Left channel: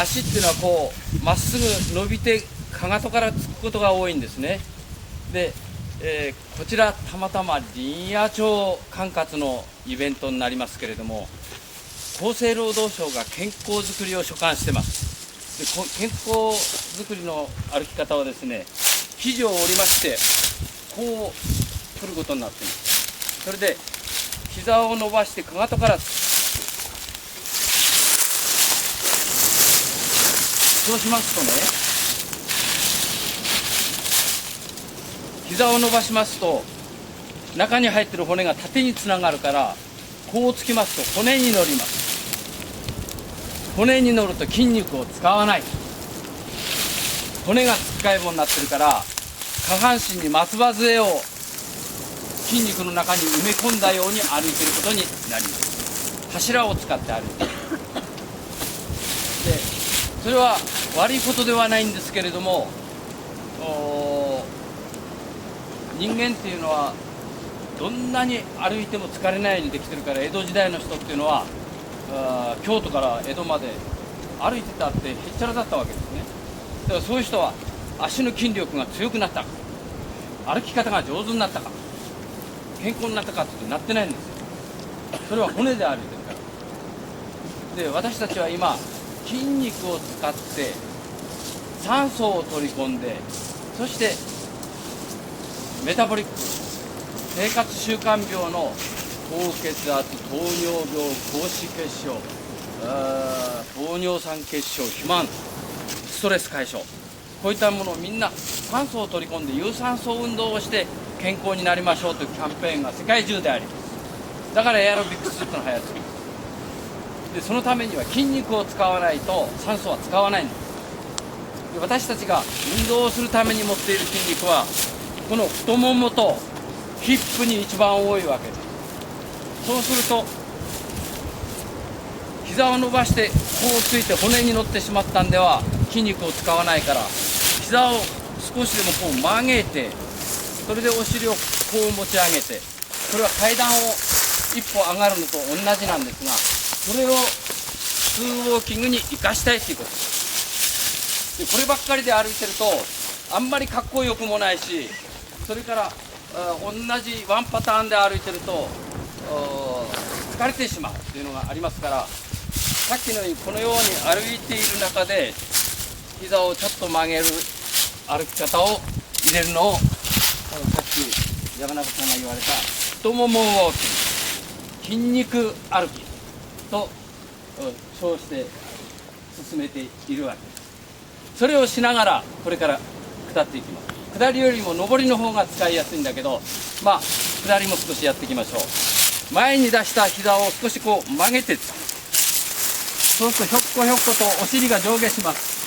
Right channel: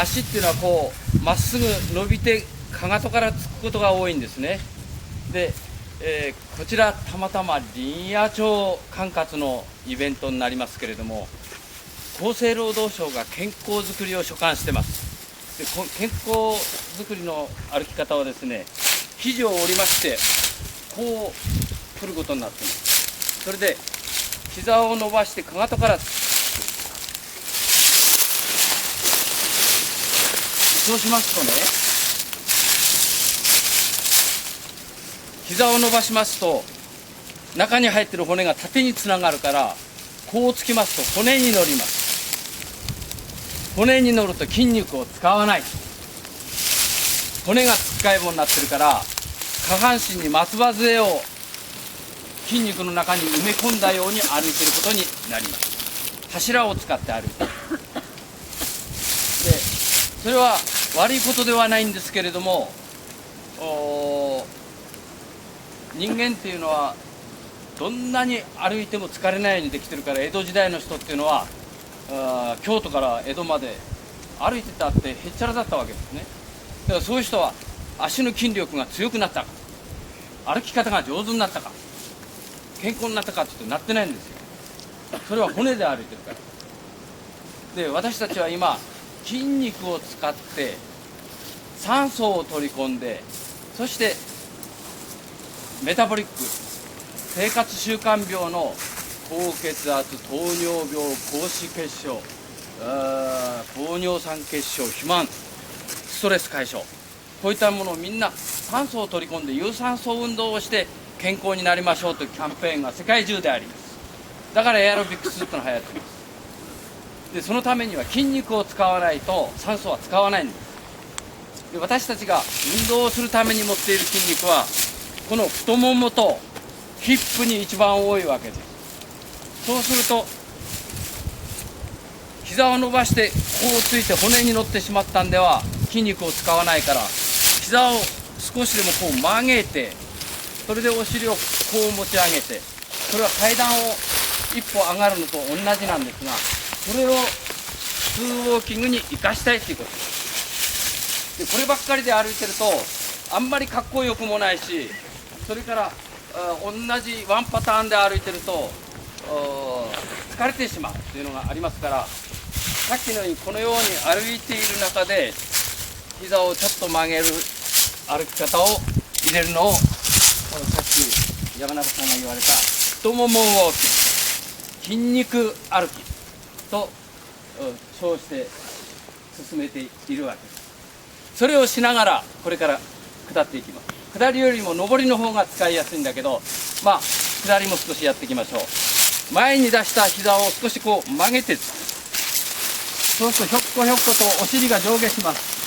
足っていうのはこうまっすぐ伸びてかかとからつくことが多いんですね。で、こちらたまたま林野庁管轄のイベントになりますけれども、厚生労働省が健康づくりを所管してます。で健康づくりの歩き方はですね、肘を折りましてこう振ることになっています。それで膝を伸ばしてかかとからつく。そうしますとね、膝を伸ばしますと中に入っている骨が縦につながるから、こうつきますと骨に乗ります。骨に乗ると筋肉を使わない。骨がつっかい棒になってるから、下半身に松葉杖を筋肉の中に埋め込んだように歩いていることになります。柱を使って歩いている。でそれは悪いことではないんですけれども、人間っていうのはどんなに歩いても疲れないようにできてるから、江戸時代の人っていうのは京都から江戸まで歩いてたってへっちゃらだったわけですね。だからそういう人は足の筋力が強くなったか、歩き方が上手になったか、健康になったかっていうとなってないんですよ。それは骨で歩いてるから。で私たちは今筋肉を使って酸素を取り込んで、そしてメタボリック生活習慣病の高血圧、糖尿病、高脂血症、高尿酸血症、肥満、ストレス解消、こういったものをみんな酸素を取り込んで有酸素運動をして健康になりましょうというキャンペーンが世界中であります。だからエアロビクスってのが流行っています。でそのためには筋肉を使わないと酸素は使わないんです。で私たちが運動をするために持っている筋肉はこの太ももとヒップに一番多いわけです。そうすると膝を伸ばしてこうついて骨に乗ってしまったんでは筋肉を使わないから、膝を少しでもこう曲げて、それでお尻をこう持ち上げて、これは階段を一歩上がるのと同じなんですが、それを普通ウォーキングに生かしたいということです。でこればっかりで歩いてるとあんまりかっこよくもないし、それから同じワンパターンで歩いてると疲れてしまうというのがありますから、さっきのようにこのように歩いている中で膝をちょっと曲げる歩き方を入れるのを、さっき山中さんが言われた太ももウォーキング、筋肉歩きと称して進めているわけです。それをしながらこれから下っていきます。下りよりも上りの方が使いやすいんだけど、まあ下りも少しやっていきましょう。前に出した膝を少しこう曲げて、そうするとひょっこひょっことお尻が上下します。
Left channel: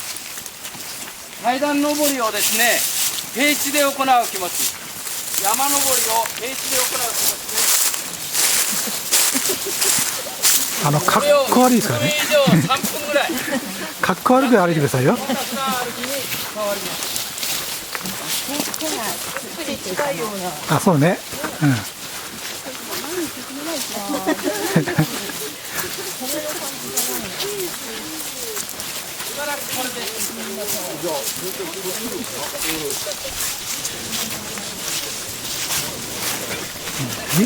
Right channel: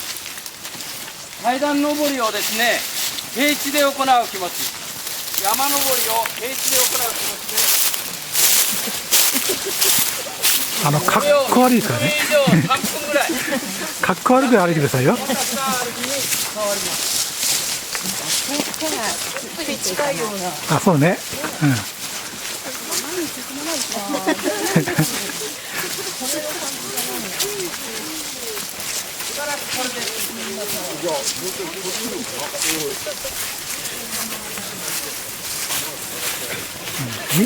階段上りをですね、平地で行う気持ち、山登りを平地で行う気持ちで、かっこ悪いからね。これ以上3分ぐらいかっこ悪く歩いてくださいよ。ひたすら歩きに変わります。近いような。あ、そうね。うん。しばらくこれで進みましょう。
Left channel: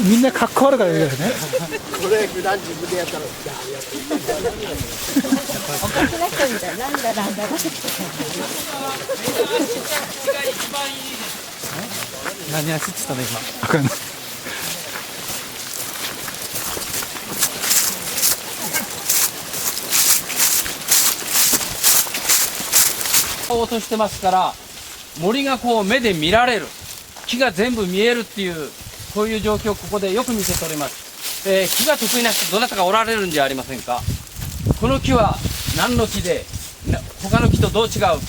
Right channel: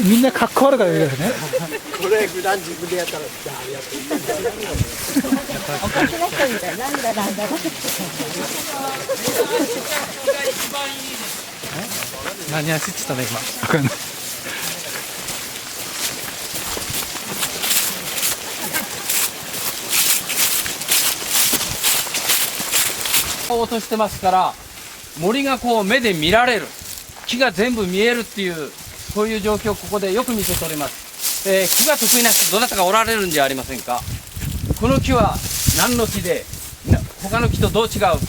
みんなかっこ悪く歩いてるね。これ普段自分でやったら、やっていいんですよ。おかしな人みたい。なんだ。が一番いいです。何走ってたね今。わかんない。落としてますから森がこう目で見られる、木が全部見えるっていう、こういう状況をここでよく見せております。木が得意な人どなたかおられるんじゃありませんか。この木は何の木で他の木とどう違う、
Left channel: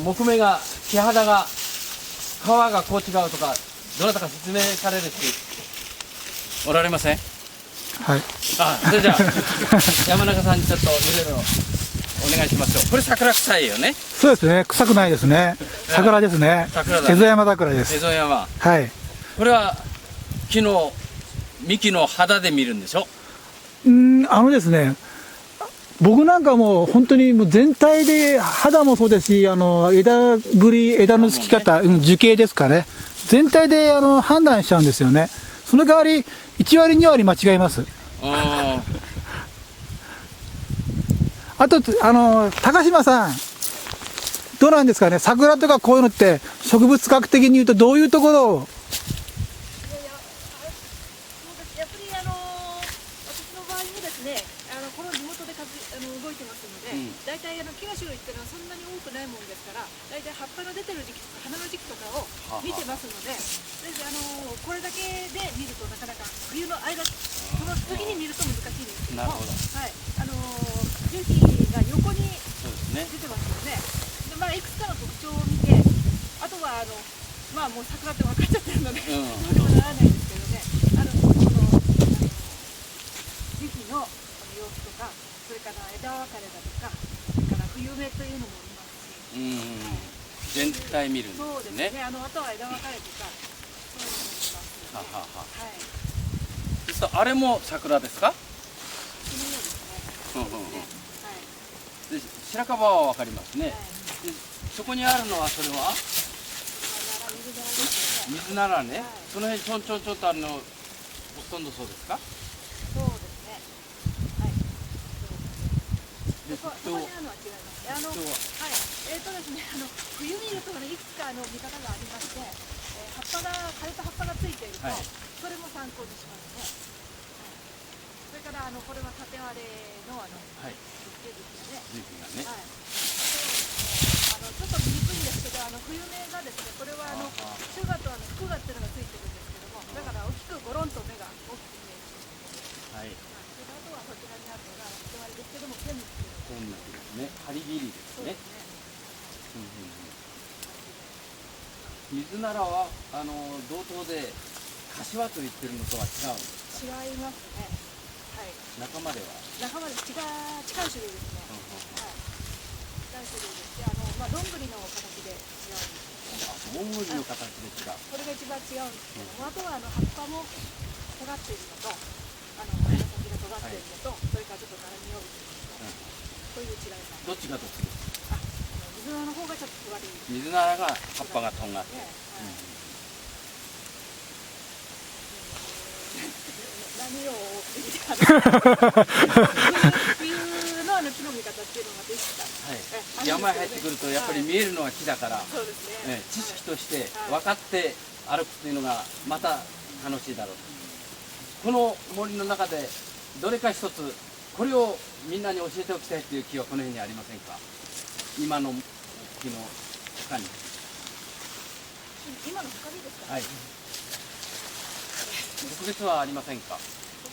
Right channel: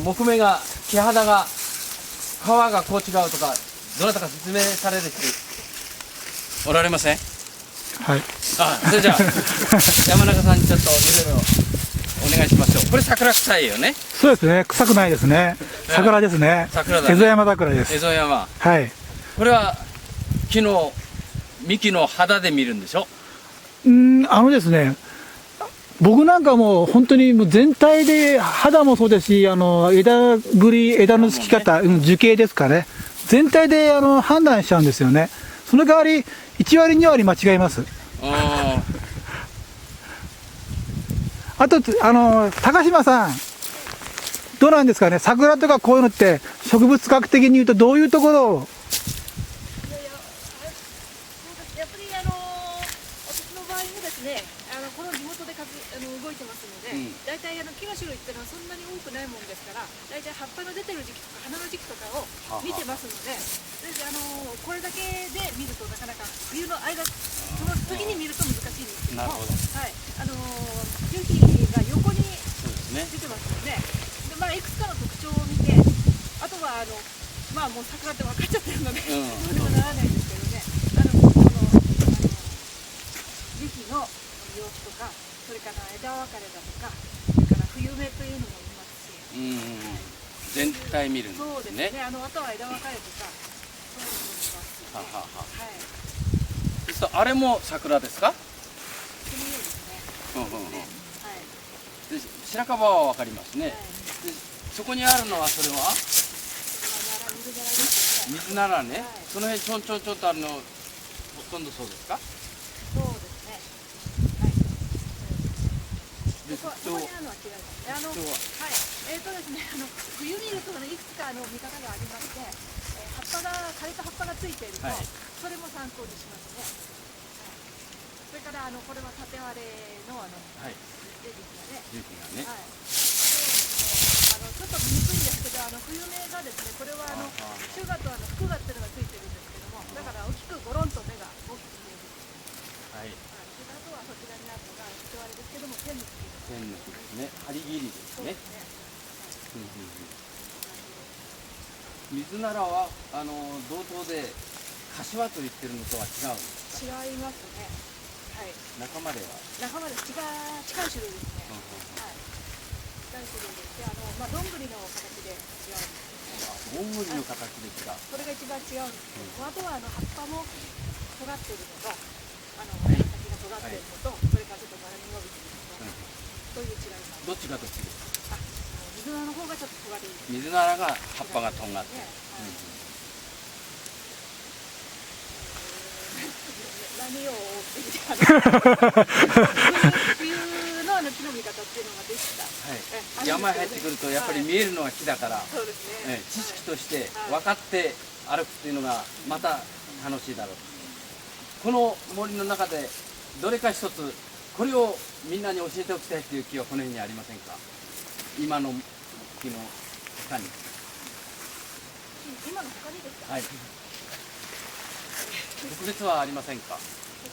木目が木肌が皮がこう違うとか、どなたか説明される人おられません？はい。それじゃあ山中さんにちょっといろいろお願いしましょう。これ桜臭いよね。そうですね。臭くないですね。桜ですね。桜だね。蝦夷山桜です。蝦夷山。はい。これは木の幹の肌で見るんでしょ？ですね。僕なんかもう本当にもう全体で肌もそうですし、枝ぶり、枝のつき方、樹形ですかね。全体で判断しちゃうんですよね。その代わり、1割、2割間違います。あと、高島さん、どうなんですかね、桜とかこういうのって、植物学的に言うと、どういうところを。いやいや、そうです。やっぱり私の場合もですね、この地元で動いてますので、大体木の種類っていうのはそんなに多くないもんですから、大体葉っぱの出てる時期とか花の時期とかを見てますので、これだけで見るとなかなか冬の間、その時に見ると難しいんですけども、はい、樹皮が横に出てますよね。で、まあいくつかの特徴を見て、あとはまあもう桜って分かっちゃってるので、どうにもならないですけどね。樹皮の様子とか、それから枝分かれだとか、それから冬芽というのも見ますし、全体見るんですね。そうですね。あとは枝分かれとか、そういうのも見ますよね。はい。そうするとあれも桜ですか？そのようですね。そうですね。はい。で白樺はわかりますね。でそこにあるのはそれは？水ならですよね。水ならね。その辺ちょんちょんちょんとあるのほとんどそうですか？そうですね。はい。そうですね。そこにあるのは違いますね。はい。ですね、冬見るといくつか見方がありまして、枯れた葉っぱがついていると、それも参考にしますね。はい。それからこれは縦割れのですね、樹皮がね。はい。ちょっと見にくいんですけど、冬芽がですね、これはシュガと福がっていうのがついてるんですけども、だから大きくゴロンと芽が大きく見えるという。はい。それとあとはそちらにあるのが縦割れですけども、天抜きっていうのが。天抜きですね。張り切りですね。水ならは同等で柏と言ってるのとは違うんですか？違いますね。はい。仲間では？仲間で近い種類ですね。はい。近い種類でして、まあどんぐりの形で違うんですよね。どんぐりの形で違う。それが一番違うんですけども、あとは葉っぱも尖っているのと、花先が尖っているのと、それからちょっと柄に伸びているのと、そういう違いが。どっちがどっちですか？水菜の方がちょっと尖り。水菜が葉っぱがとんがって。何を追ってきて冬の木の見方っていうのができた。はい。山へ入ってくるとやっぱり見えるのは木だから、そうですね。知識として分かって歩くっていうのがまた楽しいだろう。この森の中でどれか一つこれをみんなに教えておきたいっていう木はこの辺にありませんか？今の木の他に。今の他にですか？はい。特別はありませんか？こ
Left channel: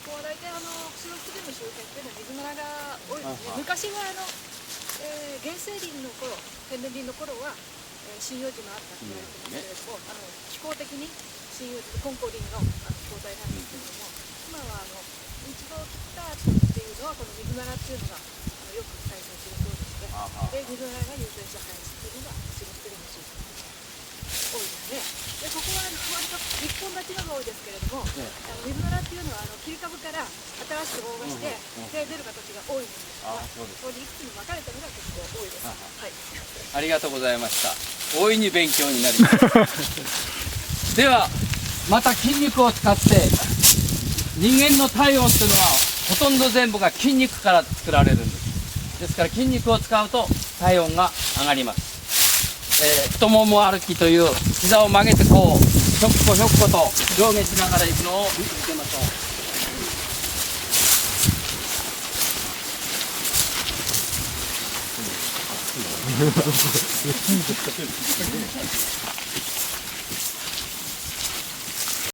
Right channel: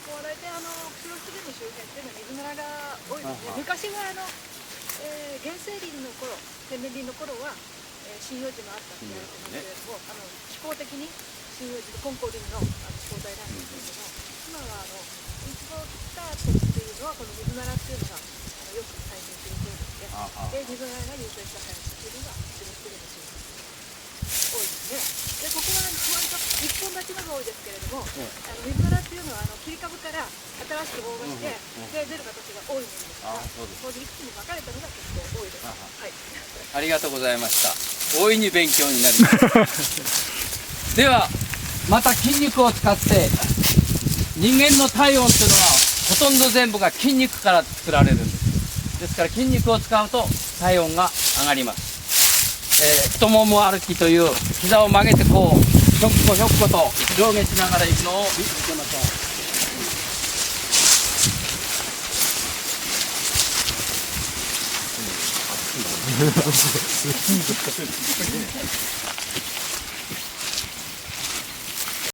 こは大体釧路湿原の周辺っていうのは水ならが多いですね。昔は原生林の頃、天然林の頃は針葉樹もあったと言われてますけれども、気候的に針葉樹と根高林の気候帯なんですけれども、今はイチゴを切った後っていうのはこの水ならっていうのがよく再生するそうでして、で水ならが優先した林っていうのが釧路湿原の周辺っていうのが多いですね。でここは割と一本立ちのが多いですけれども、水ならっていうのは切り株から新しく大葉してで出る形が多いものですから、それでいくつに分かれたのが結構多いです。はい。ありがとうございました。大いに勉強になります。ではまた筋肉を使って人間の体温というのはほとんど全部が筋肉から作られるんです。ですから筋肉を使うと体温が上がります。太もも歩きという膝を曲げてこうひょっこひょっこと上下しながら行くのを見つけましょう。